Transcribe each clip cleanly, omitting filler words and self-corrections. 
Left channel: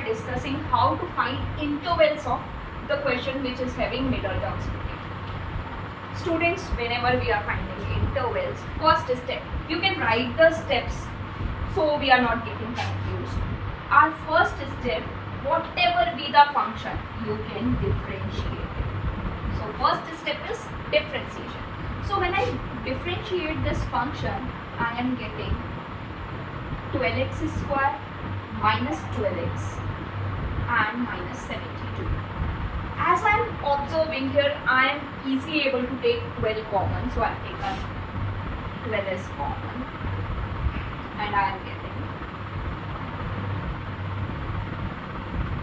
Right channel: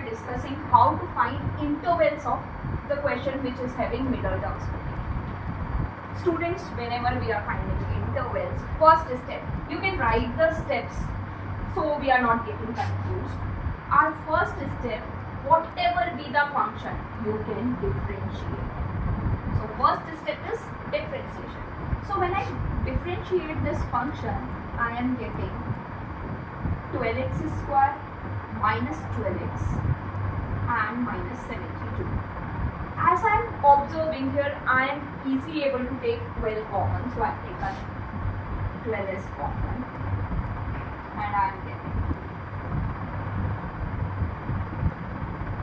are discussing how to find intervals of the question which is having middle term splitting. Students, whenever we are finding intervals, first step, you can write the steps so we are not getting confused. Our first step, whatever be the function, you can differentiate it. So first step is differentiation. So when I differentiate this function, I am getting 12x square minus 12x and minus 72. As I am observing here, I am easily able to take 12 common. So I have taken 12 as common and I am getting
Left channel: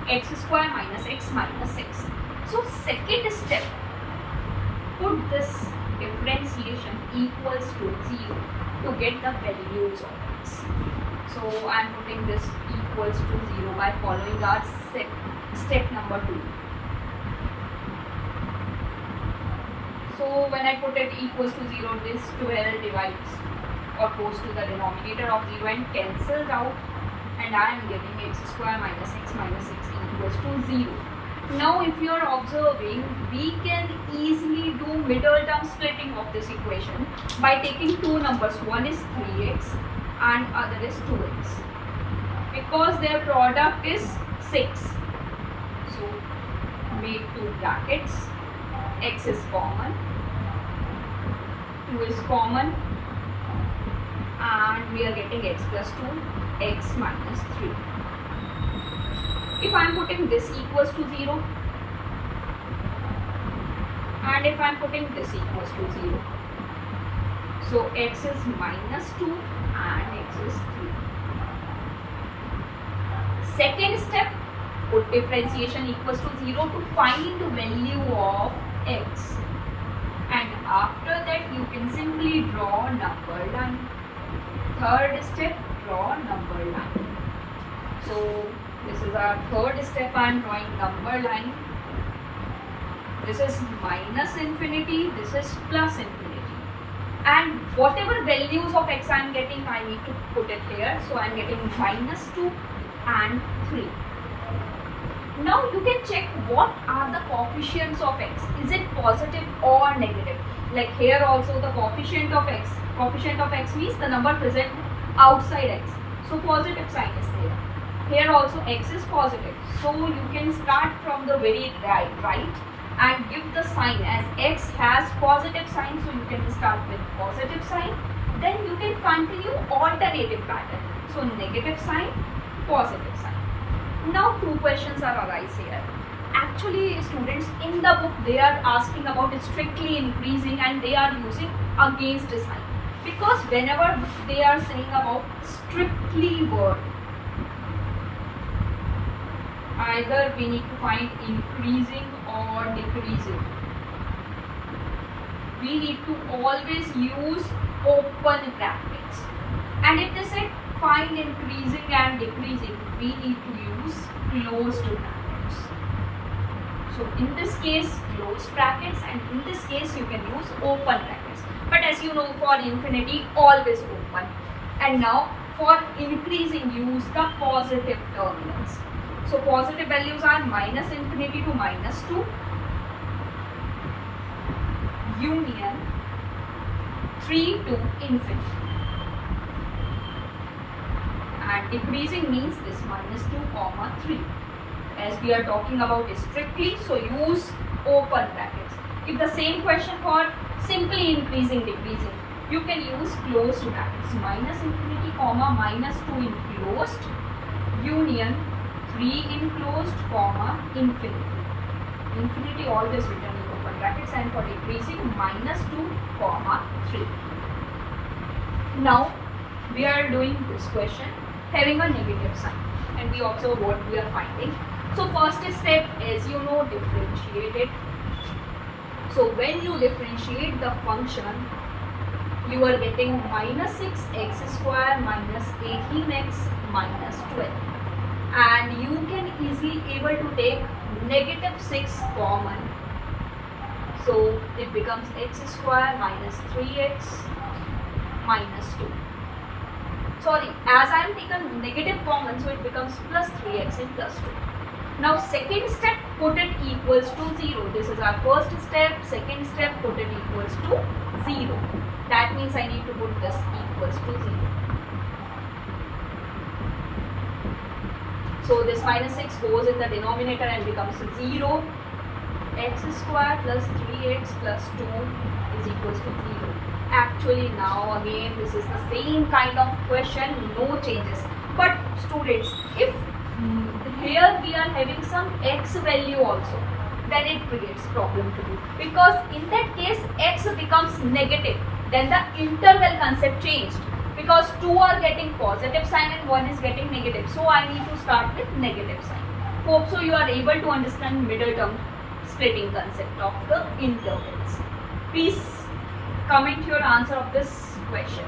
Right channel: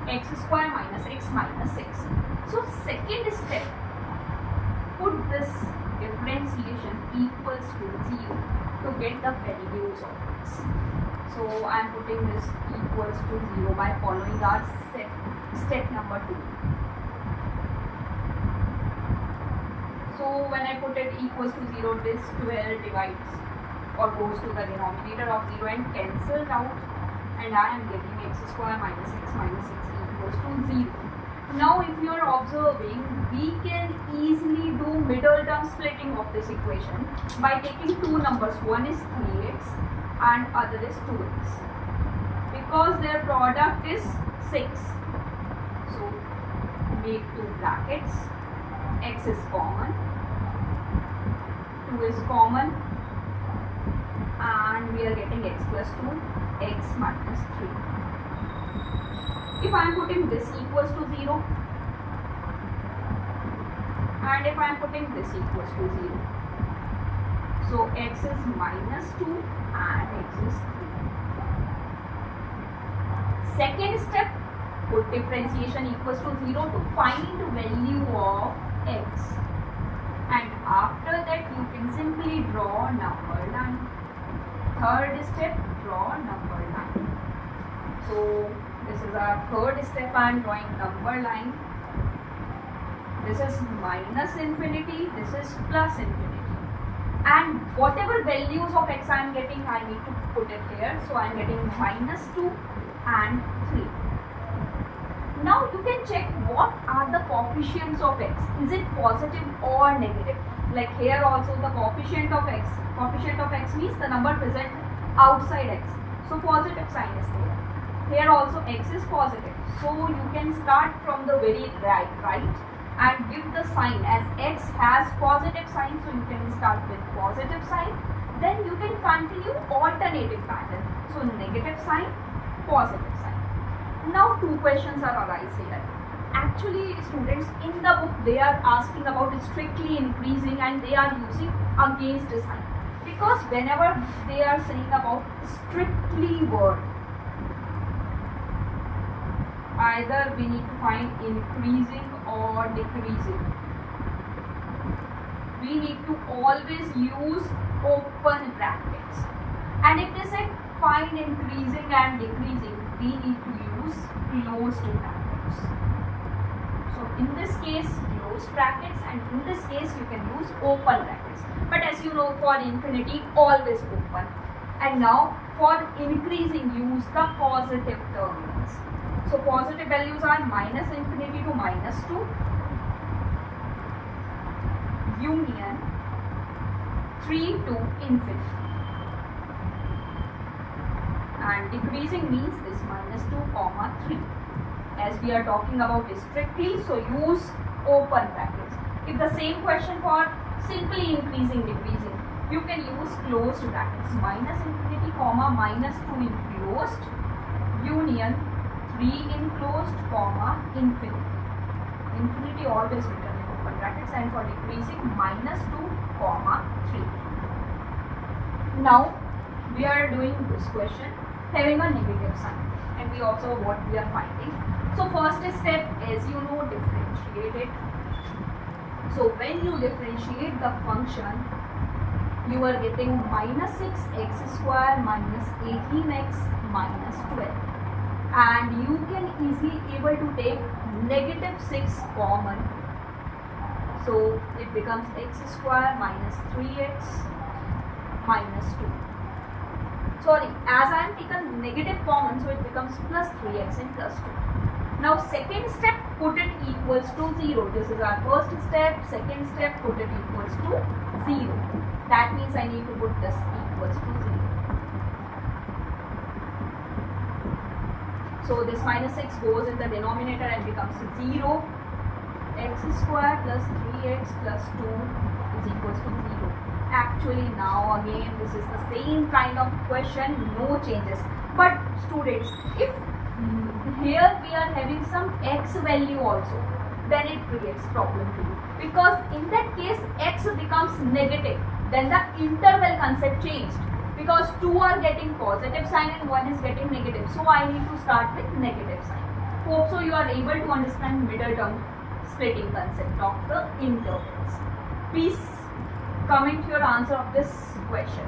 x square minus x minus 6. So second step, put this differentiation equals to 0 to get the values of x. So I am putting this equals to 0 by following our step number 2. So when I put it equals to 0, this 12 divides or goes to the denominator of 0 and cancels out, and I am getting x square minus x minus 6 equals to 0. Now if you are observing, we can easily do middle term splitting of this equation by taking two numbers. One is 3x and other is 2x, because their product is 6. So make two brackets, x is common, 2 is common, and we are getting x plus 2, x minus 3. If I am putting this equals to 0 and if I am putting this equals to 0, so x is minus 2 and x is 3. Second step, put differentiation equals to 0 to find the value of x, and after that you can simply draw number line. Third step, draw number line. So this is our third step. I am drawing number line. This is minus infinity, this is plus infinity, and whatever values of x I am getting, I need to put it here. So I am getting minus 2 and 3. Now you can check what are the coefficients of x. Is it positive or negative? Like here also the coefficient of x means the number present outside x. So positive sign is there. Here also x is positive. So you can start from the very right and give the sign as x has positive sign. So you can start with positive sign. Then you can continue alternative pattern. So negative sign, positive sign. Now two questions are arise here. Actually students, in the book they are asking about strictly increasing and they are using against sign, because whenever they are saying about strictly word, either we need to find increasing or decreasing. We need to always use open brackets, and if they say find increasing and decreasing, we need to use closed brackets. So in this case closed brackets, and in this case you can use open brackets. But as you know, for infinity always open, and now for increasing use the positive terminals. So positive values are minus infinity to minus 2, union 3 to infinity, and decreasing means this minus 2 comma 3. As we are talking about strictly, so use open brackets. If the same question for simply increasing decreasing, you can use closed brackets, minus infinity comma minus 2 in closed, union 3 in closed comma infinity. Infinity always written in open brackets, and for decreasing minus 2 comma 3. Now we are doing this question having a negative sign, and we observe what we are finding. So first step is, you know, differentiate it. So when you differentiate the function, you are getting minus 6x square minus 18x minus 12, and you can easily able to take negative 6 common. So it becomes x square minus 3x minus 2. sorry, as I am taken negative common, so it becomes plus 3x and plus 2. Now second step, put it equals to 0. This is our first step. Second step, put it equals to 0. That means I need to put this equals to 0. So this minus 6 goes in the denominator and becomes 0. X square plus 3x plus 2 is equals to 0. Actually now again this is the same kind of question, no changes. But students, if here we are having some x value also, then it creates problem to you, because in that case x becomes negative, then the interval concept changed, because two are getting positive sign and one is getting negative, so I need to start with negative sign. Hope so you are able to understand middle term splitting concept of the intervals. Please comment your answer of this question.